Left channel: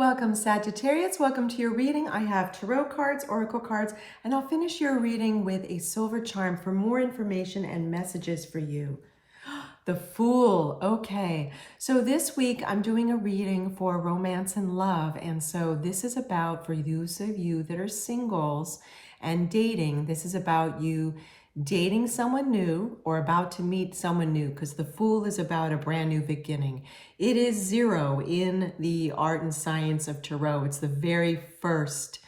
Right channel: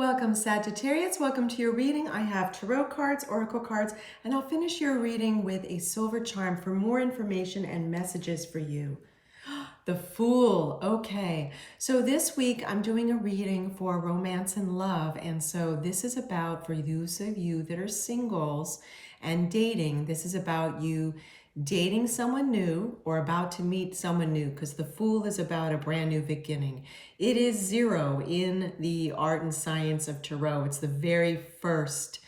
Welcome, Sagittarius. Welcome to your reading. I have tarot cards, oracle cards, and I'll finish your reading with a silver charm for more information and messages for you. The Fool. Okay, so this week I'm doing a reading for romance and love, and so this is about, for those of you that are singles and dating, this is about you dating someone new or about to meet someone new, because the Fool is about a brand new beginning. It is 0 in the art and science of tarot. It's the very first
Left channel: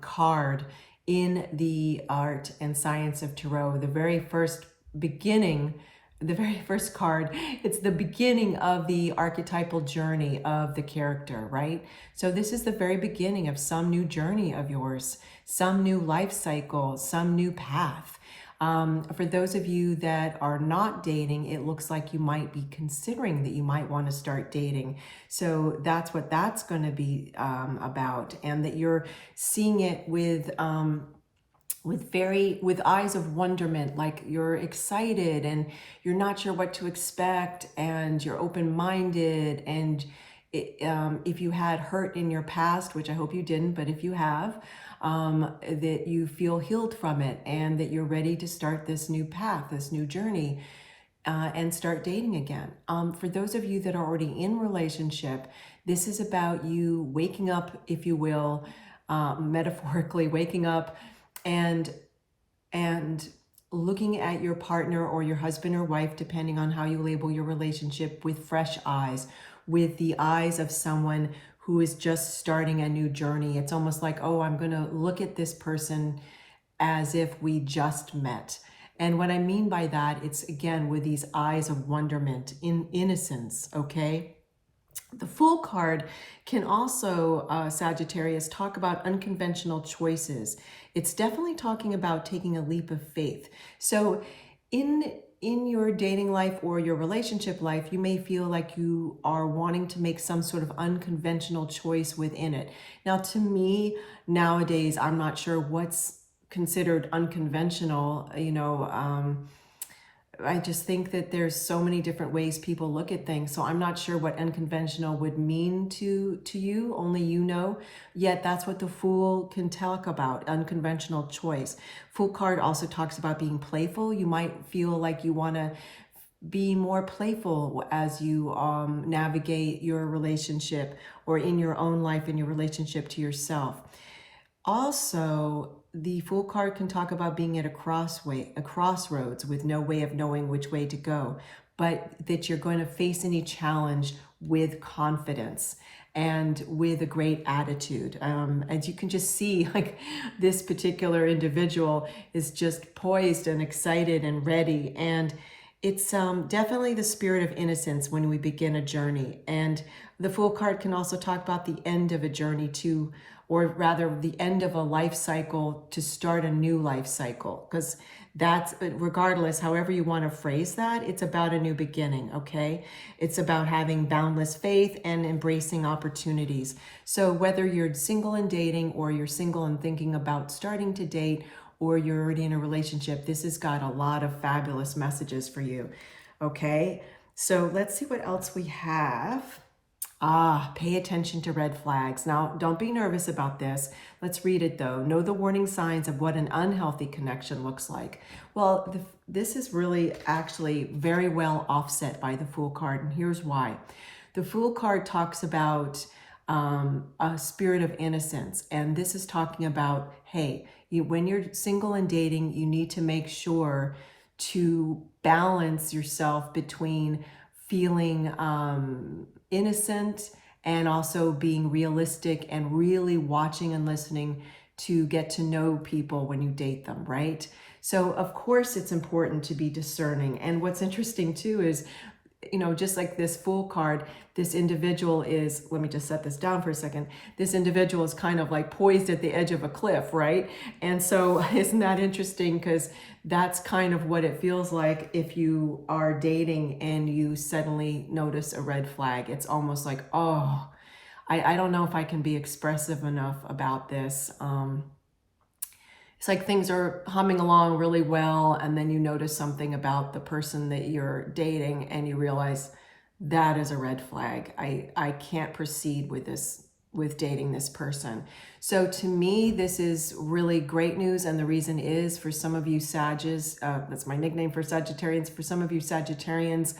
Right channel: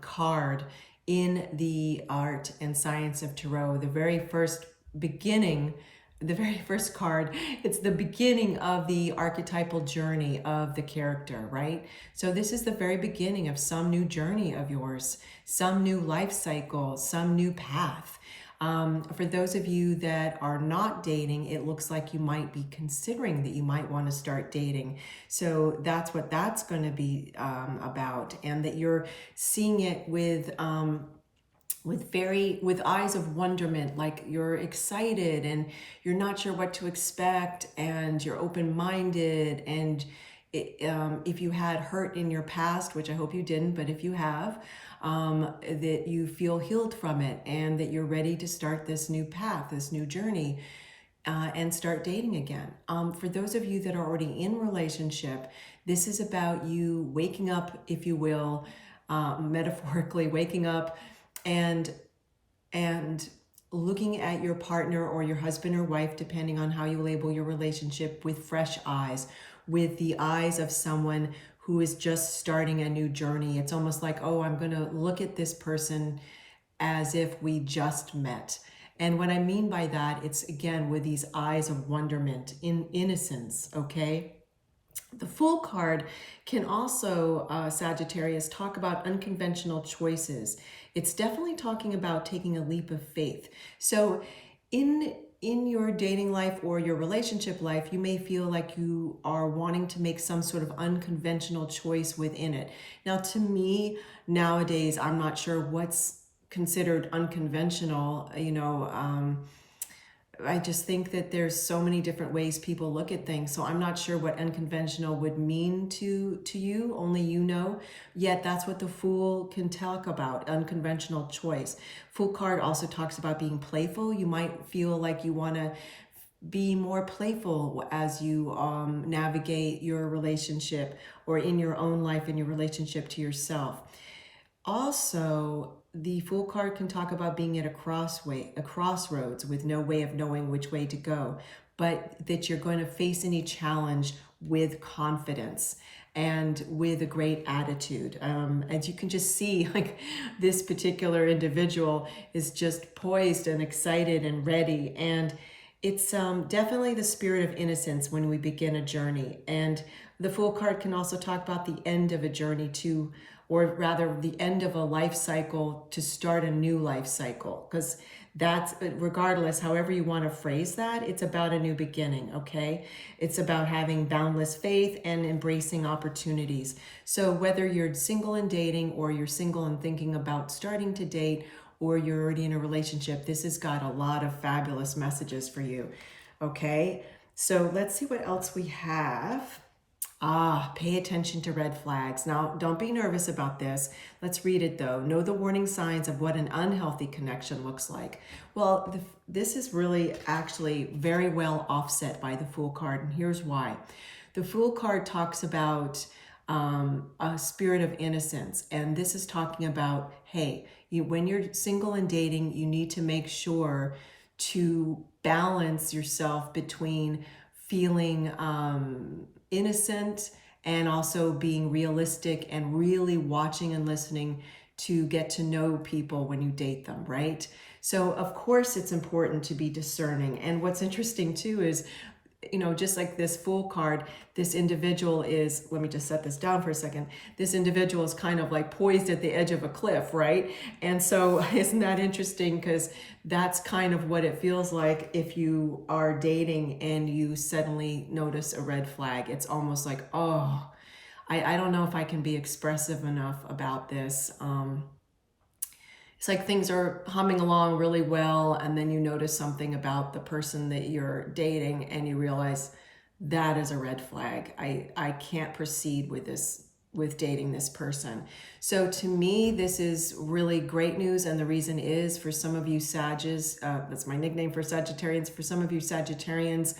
card in the art and science of tarot, the very first beginning, the very first card. It's the beginning of the archetypal journey of the character, right? So this is the very beginning of some new journey of yours, some new life cycle, some new path. For those of you that are not dating, it looks like you might be considering that you might want to start dating. So that's what that's going to be about, and that you're seeing it with eyes of wonderment, like you're excited and you're not sure what to expect, and you're open-minded, and if you had hurt in your past, which I hope you didn't, but if you have, that you feel healed from it, and that you're ready to start this new path, this new journey, and start dating again. For those of you that are already in relationship, this is about you waking up, if you will, metaphorically waking up and looking at your partner or your husband or wife, depending on how you label your relationship, with fresh eyes, with the eyes of someone who is just starting a new journey. It's almost like, oh, I'm going to look at this person as if we just met. And what I mean by that, it's again with these eyes of wonderment, in innocence, okay? The Fool card can also, Sagittarius, talk about unconventional choices. It's definitely talking about taking a leap of faith. So in your dating life or your relationship life, you may feel like you are wanting to make some sort of unconventional choice within it. Now, to me, nowadays, I'm not sure what's considered unconventional. I just think that there's so many different ways people look at things. So I'm not sure what unconventional would mean to you. Only you know. Yet that's what the Fool can talk about, unconventional choice. Fool card also talks about being playful. You might feel like you want to be more playful as you navigate your relationship, or in your own life, in your relationship to yourself. Also, the Fool card can talk about being at a crossroads with no way of knowing which way to go, but that you're going to face any challenge with confidence and with a great attitude. And you can just see, like, this particular individual is just poised and excited and ready. And it's definitely the spirit of innocence when we begin a journey. And the Fool card can also talk about the end of a journey too, or rather the end of a life cycle to start a new life cycle, because that's, regardless, however you want to phrase that, it's about a new beginning, okay? It's about having boundless faith and embracing opportunities. So whether you're single and dating, or you're single and thinking about starting to date, or you're already in a relationship, this has got a lot of fabulous messages for you, okay? So let's see what else we have. Pay attention to red flags. Now, don't be nervous about this. Let's read it though. Know the warning signs of what an unhealthy connection looks like. Well, this is really actually very well offset by the Fool card, and here's why. The Fool card talks about a spirit of innocence, and this is talking about, hey, when you're single and dating, you need to make sure to balance yourself between feeling innocent and also being realistic, and really watching and listening to get to know people when you date them, right? So of course it's important to be discerning. And what's interesting too is, just like this Fool card, this individual is, let me just set this down for a second. This individual is kind of like poised at the edge of a cliff, right? And so isn't that interesting? Because that's kind of what it feels like if you are dating and you suddenly notice a red flag. It's almost like, oh, I don't know if I can be expressive enough about this. It's like things are humming along really well, and then you notice something about the person that you're dating, and you realize that is a red flag. I can't proceed with this with dating this person. So to me, this is really great news. And the reason is, for some of you Sages, that's my nickname for Sagittarians, for some of you Sagittarians,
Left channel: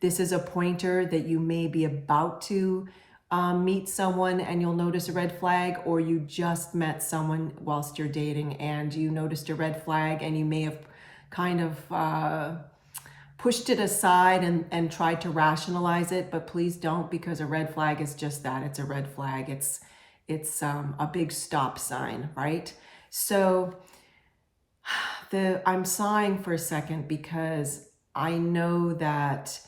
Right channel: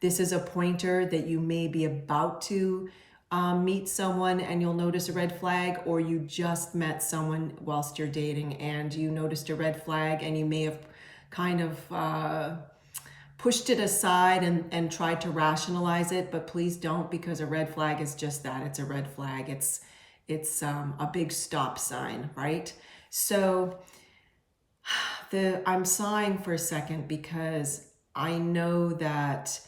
this is a pointer that you may be about to meet someone and you'll notice a red flag, or you just met someone whilst you're dating and you noticed a red flag and you may have kind of pushed it aside and tried to rationalize it, but please don't, because a red flag is just that. It's a red flag. It's a big stop sign, right? So I'm sighing for a second because I know that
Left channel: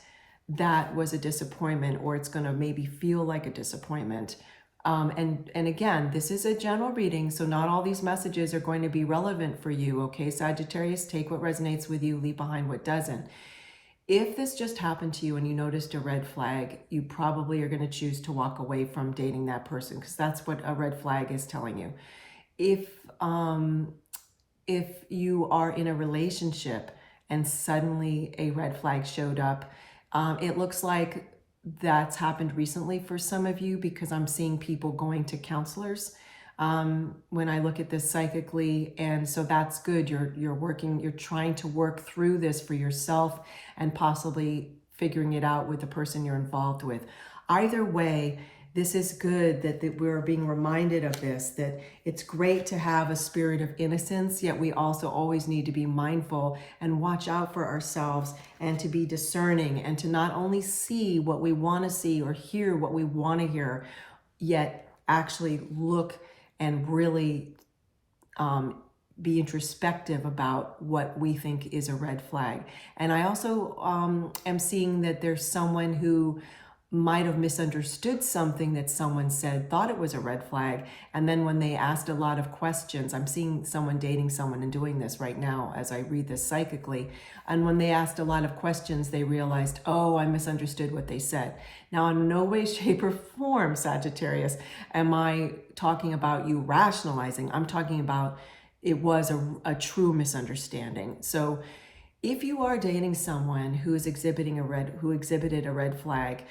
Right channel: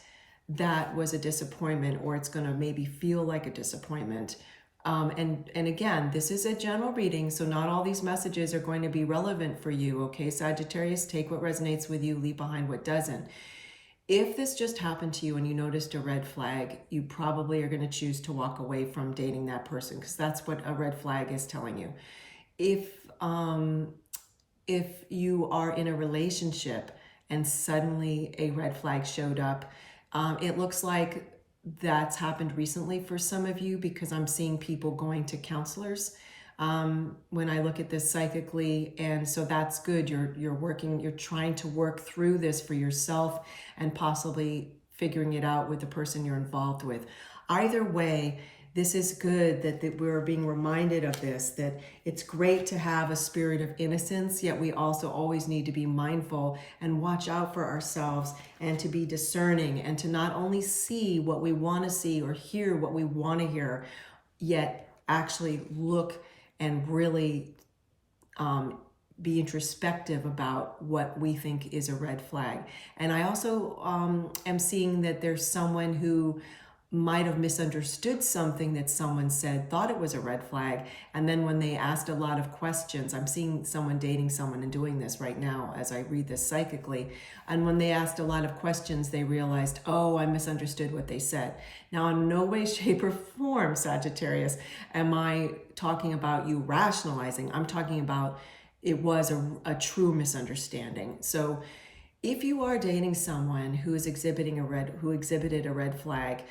that was a disappointment, or it's going to maybe feel like a disappointment. And again, this is a general reading, so not all these messages are going to be relevant for you, okay? Sagittarius, take what resonates with you, leave behind what doesn't. If this just happened to you and you noticed a red flag, you probably are going to choose to walk away from dating that person, because that's what a red flag is telling you. If you are in a relationship and suddenly a red flag showed up, it looks like that's happened recently for some of you, because I'm seeing people going to counselors when I look at this psychically. And so that's good. You're trying to work through this for yourself and possibly figuring it out with the person you're involved with. Either way, this is good that we're being reminded of this, that it's great to have a spirit of innocence, yet we also always need to be mindful and watch out for ourselves, and to be discerning, and to not only see what we want to see or hear what we want to hear, yet actually look and really be introspective about what we think is a red flag. And I also am seeing that there's someone who might have misunderstood something that someone said, thought it was a red flag, and then when they asked a lot of questions, I'm seeing someone dating someone and doing this right now as I read this psychically, and when they asked a lot of questions, they realized, oh, I misunderstood what they said. Now, in no way, shape, or form, Sagittarius, am I talking about you rationalizing. I'm talking about it was a true misunderstanding. So if you are dating someone who is exhibited a red flag,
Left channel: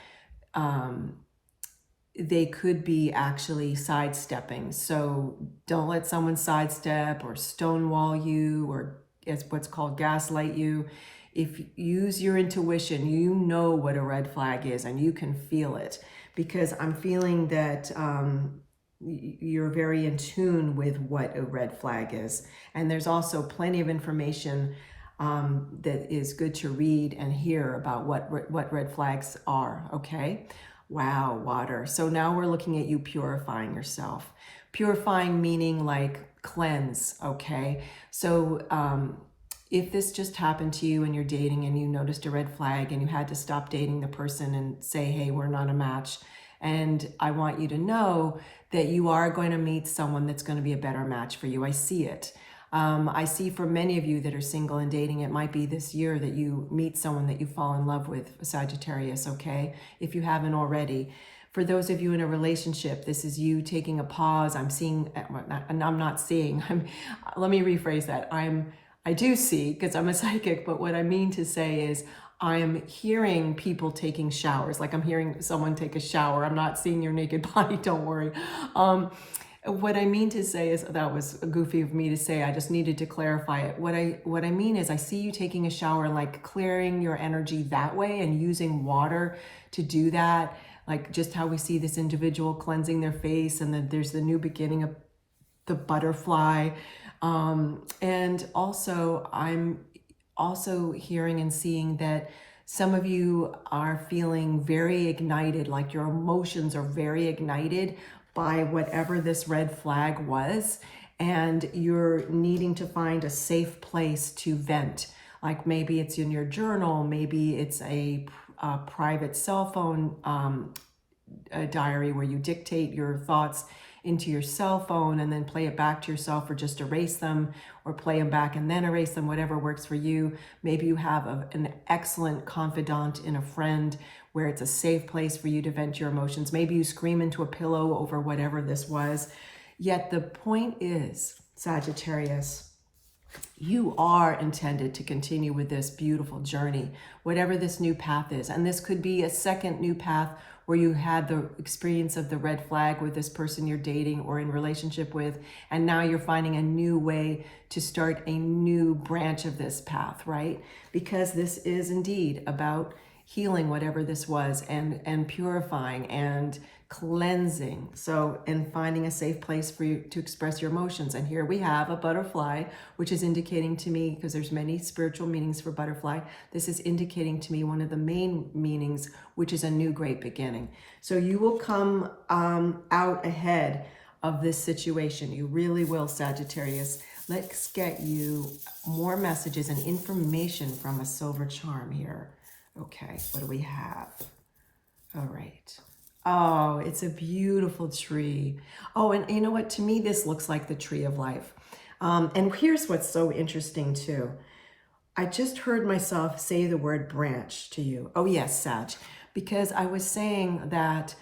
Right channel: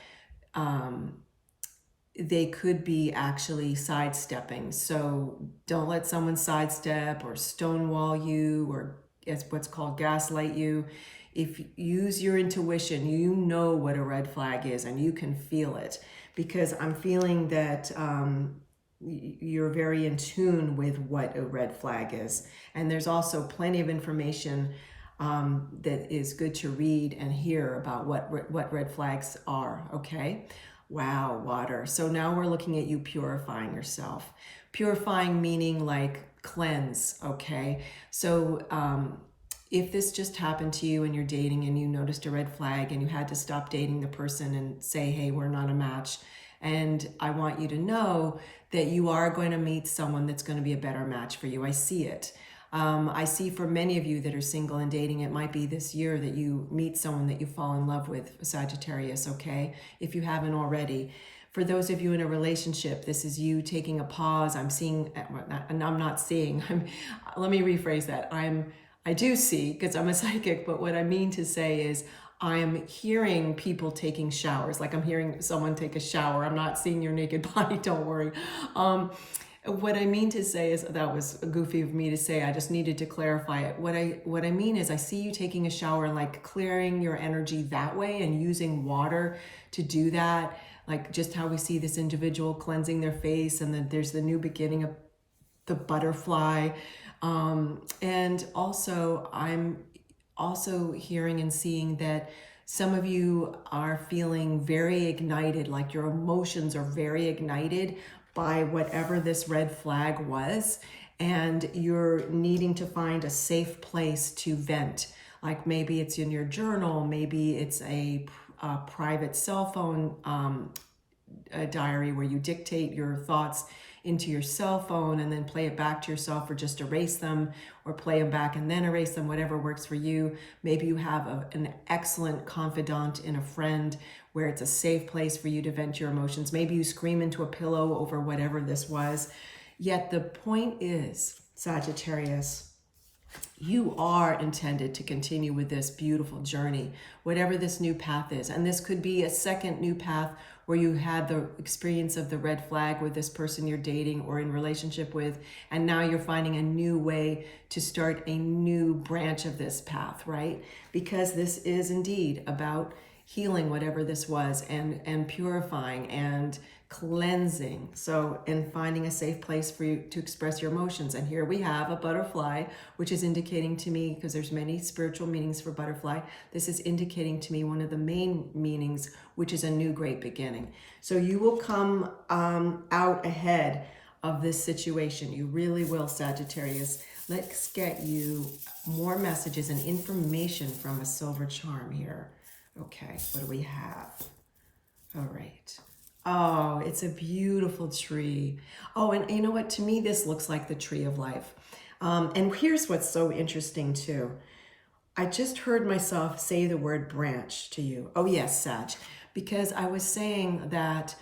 they could be actually sidestepping. So don't let someone sidestep or stonewall you, or it's what's called gaslight you. If you use your intuition, you know what a red flag is and you can feel it, because I'm feeling that you're very in tune with what a red flag is. And there's also plenty of information that is good to read and hear about what red flags are, okay? Wow, water. So now we're looking at you purifying yourself. Purifying meaning like cleanse, okay? So if this just happened to you and you're dating and you noticed a red flag and you had to stop dating the person and say, hey, we're not a match, and I want you to know that you are going to meet someone that's going to be a better match for you. I see it. I see for many of you that are single and dating, it might be this year that you meet someone that you fall in love with, Sagittarius, okay? If you haven't already. For those of you in a relationship, this is you taking a pause. I'm seeing, and I'm not seeing, let me rephrase that. I do see, because I'm a psychic, but what I mean to say is I'm hearing people taking showers. Like I'm hearing someone take a shower. I'm not seeing your naked body, don't worry. What I mean to say is, that was goofy of me to say, I just needed to clarify it. What I mean is I see you taking a shower, like clearing your energy that way and using water to do that. Like just how we see this individual cleansing their face, and then there's the new beginning of the butterfly. And also I'm also hearing and seeing that some of you are feeling very ignited, like your emotions are very ignited by whatever this red flag was, and you're needing to find a safe place to vent. Like maybe it's in your journal, maybe it's a private cell phone a diary where you dictate your thoughts into your cell phone and then play it back to yourself, or just erase them, or play them back and then erase them, whatever works for you. Maybe you have an excellent confidant in a friend where it's a safe place for you to vent your emotions. Maybe you scream into a pillow over whatever this was. Yet the point is, Sagittarius, you are intended to continue with this beautiful journey, whatever this new path is. And this could be a second new path where you had the experience of the red flag with this person you're dating or in relationship with, and now you're finding a new way to start a new branch of this path, right? Because this is indeed about healing whatever this was, and purifying and cleansing. So, and finding a safe place for you to express your emotions. And here we have a butterfly, which is indicating to me, because there's many spiritual meanings for butterfly, this is indicating to me one of the main meanings, which is a new great beginning. So you will come out ahead of this situation. You really will, Sagittarius. Let's get you more messages and information from a silver charm here. Okay, what do we have? All right. Oh, it's a beautiful tree. Oh, and you know what? To me, this looks like the tree of life. And here's what's so interesting too. I just heard myself say the word branch to you. Oh yes, Sag, because I was saying that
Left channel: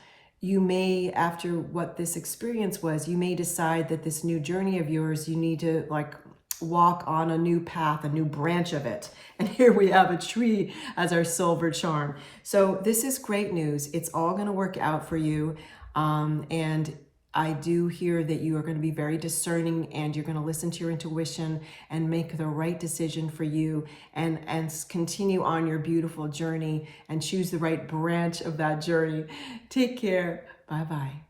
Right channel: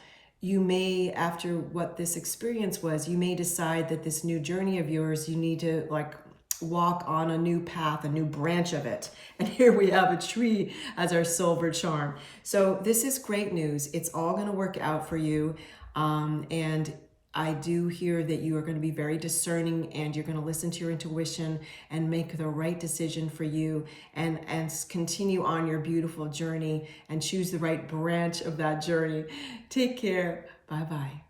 you may, after what this experience was, you may decide that this new journey of yours, you need to like walk on a new path, a new branch of it. And here we have a tree as our silver charm. So this is great news. It's all going to work out for you. And I do hear that you are going to be very discerning, and you're going to listen to your intuition and make the right decision for you, and continue on your beautiful journey and choose the right branch of that journey. Take care. Bye-bye.